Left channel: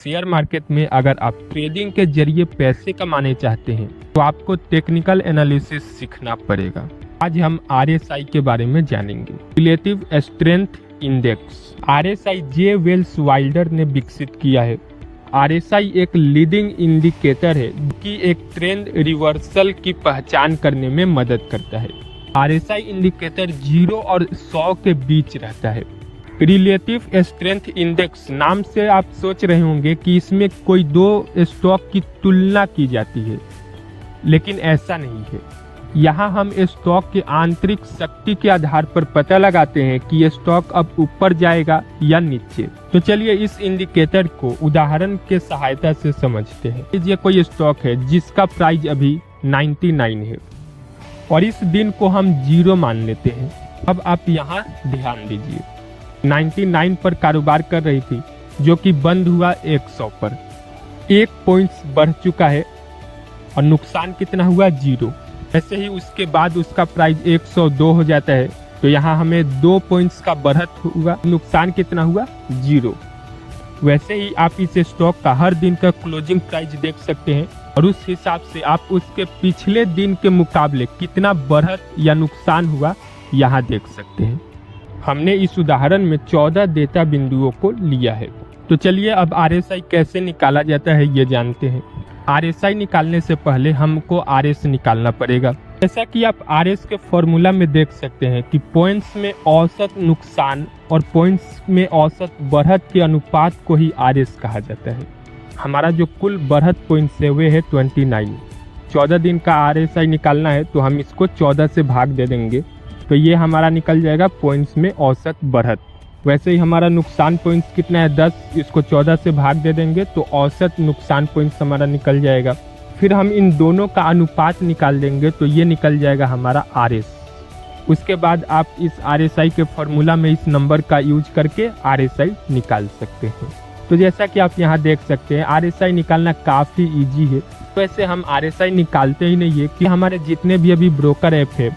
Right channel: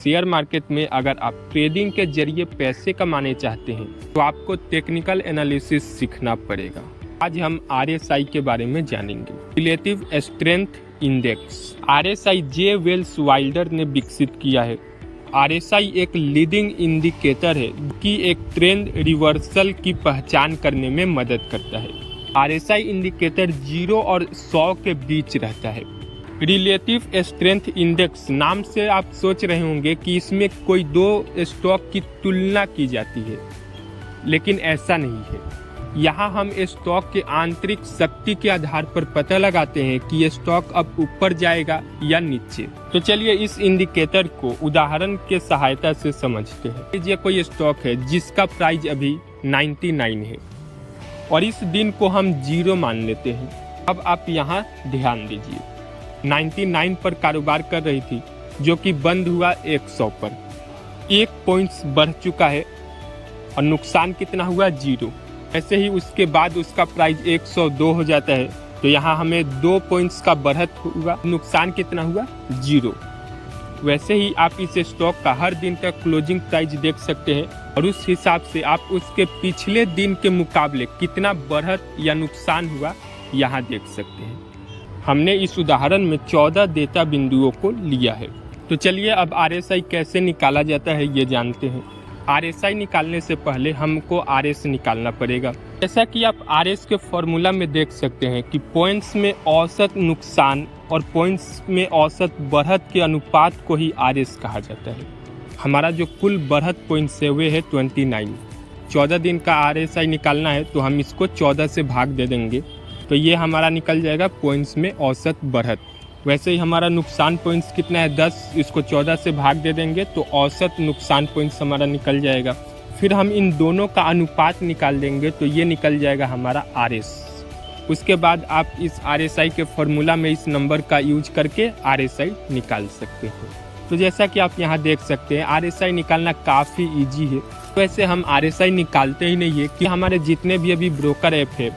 Share market में अगर आप ट्रेडिंग के जरिए पैसे कमाने चाहते हैं तो आपको टेक्निकल एनालिसिस सीखना पड़ेगा। आज हम RSI के बारे में जानेंगे। रिलेटिव स्ट्रेंथ इंडेक्स RSI जे वेल्स वाइल्डर ने विकसित किया है। RSI एक लीडिंग इंडिकेटर है कि एक ट्रेंड रिवर्सल की पहचान करने में मदद करता है। RSI इंडिकेटर 0 और 100 के बीच रहता है। रिलेटिव स्ट्रेंथ इंडेक्स नाम से आप सोच रहे होंगे कि इसमें कोई दो स्टॉक की तुलना की जाती है, लेकिन ऐसा नहीं है। यहाँ हम स्टॉक के आंतरिक शक्ति के आधार पर पता लगाते हैं कि ये स्टॉक अब ऊपर जाएगा या नीचे। तो चलिए इस इंडिकेटर को उदाहरण के सहायता से समझते हैं। ये कोई स्टॉक है जिसका प्राइस अभी 99 है और इस दिन को हम 0 मान लेते हैं। अब आप यहाँ ध्यान दीजिए, 99 पर कारोबार कर रही थी जो कि बंद हुआ 100 पर। 1 पॉइंट्स बढ़ चुका है और नुकसान कितना हुआ 0। ऐसे ही उसके बाद उसका प्राइस 102 हो जाता है तो यहाँ हमें 2 पॉइंट्स का बढ़त हुआ, नुकसान कितना हुआ 0। वैसे ही आप इस स्टॉक का हर दिन का क्लोजिंग प्राइस देख सकते हैं और उस हिसाब से आप उसके पिछले दिन के मुकाबले कितना बढ़त या नुकसान हुआ यहाँ देख सकते हैं। हमने इस उदाहरण में 14 डेटा बिंदुओं को लिया है। तो चलिए अब RSI कैसे निकाला जाता है ये जानते हैं। RSI निकालने से पहले हमको RS निकालना पड़ेगा। जैसा कि आप RS के फॉर्मूला में देख सकते हैं कि पॉइंट्स में औसत नुकसान और पॉइंट्स में औसत बढ़त के अनुपात को ही RS कहा जाता है। हमारा जो कुल बढ़त पॉइंट्स है वे है 29। 14 दिन का RSI निकालना है तो हम इसको 14 से भाग दे देंगे तो ये हमारा निकल जाएगा पॉइंट्स में औसत बढ़त। वैसे ही हमारा नुकसान पॉइंट्स कितना है 10, इसको 14 से भाग दे देंगे तो औसत नुकसान पॉइंट्स हमारा निकल जाएगा। फिर हम इन दोनों का अनुपात निकाल देंगे तो ये निकल जाएगा हमारा RS। उसके बाद आप इस RSI के फॉर्मूला में इस नंबर का यूज करके RSI निकाल सकते हैं। तो जैसा कि आप यहाँ देख सकते हैं RSI निकालना काफ़ी ईजी है। वैसे हम RSI निकालते ही नहीं है कि हमारे जितने भी अभी ब्रोकर ऐप है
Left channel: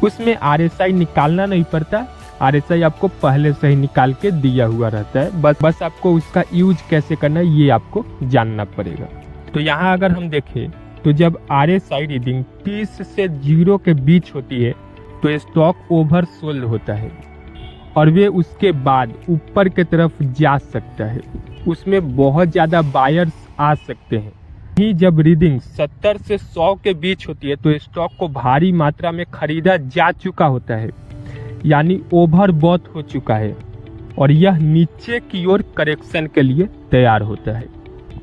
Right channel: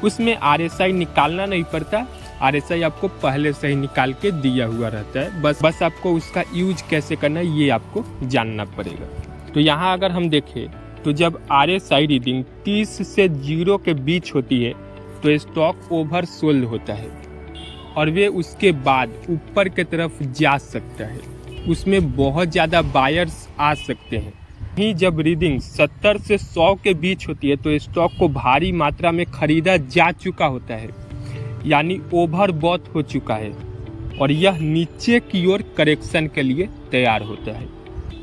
उसमें RSI निकालना नहीं पड़ता। RSI आपको पहले से ही निकाल के दिया हुआ रहता है, बस आपको उसका यूज कैसे करना है ये आपको जानना पड़ेगा। तो यहाँ अगर हम देखें तो जब RSI रीडिंग 30 से 0 के बीच होती है तो स्टॉक ओवर सोल्ड होता है और वे उसके बाद ऊपर की तरफ जा सकता है। उसमें बहुत ज़्यादा बायर्स आ सकते हैं। ही जब रीडिंग 70 से 100 के बीच होती है तो स्टॉक को भारी मात्रा में खरीदा जा चुका होता है, यानी ओवरबॉट हो चुका है और यह नीचे की ओर करेक्शन के लिए तैयार होता है।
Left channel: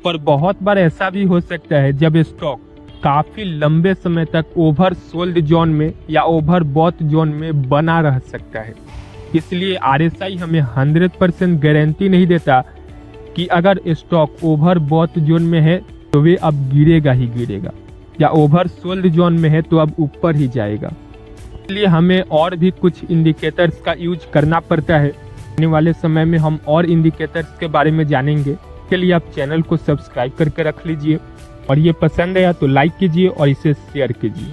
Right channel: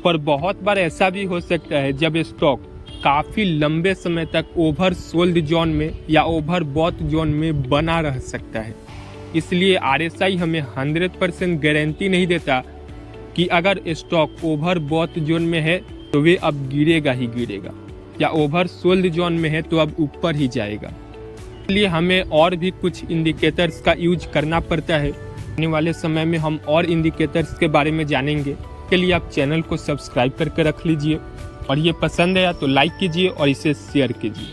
पर बहुत बार ऐसा भी हो सकता है जब स्टॉक काफ़ी लंबे समय तक ओवर सोल्ड जोन में या ओवरबॉट जोन में बना रह सकता है। इसलिए RSI हमें 100% गारंटी नहीं देता कि अगर स्टॉक ओवरबॉट जोन में है तो वे अब गिरेगा ही गिरेगा, या ओवर सोल्ड जोन में है तो अब ऊपर ही जाएगा। इसलिए हमें और भी कुछ इंडिकेटर्स का यूज करना पड़ता है। आने वाले समय में हम और इंडिकेटर्स के बारे में जानेंगे। के लिए आप चैनल को सब्सक्राइब करके रख लीजिए और ये पसंद आया तो लाइक कीजिए और इसे शेयर कीजिए।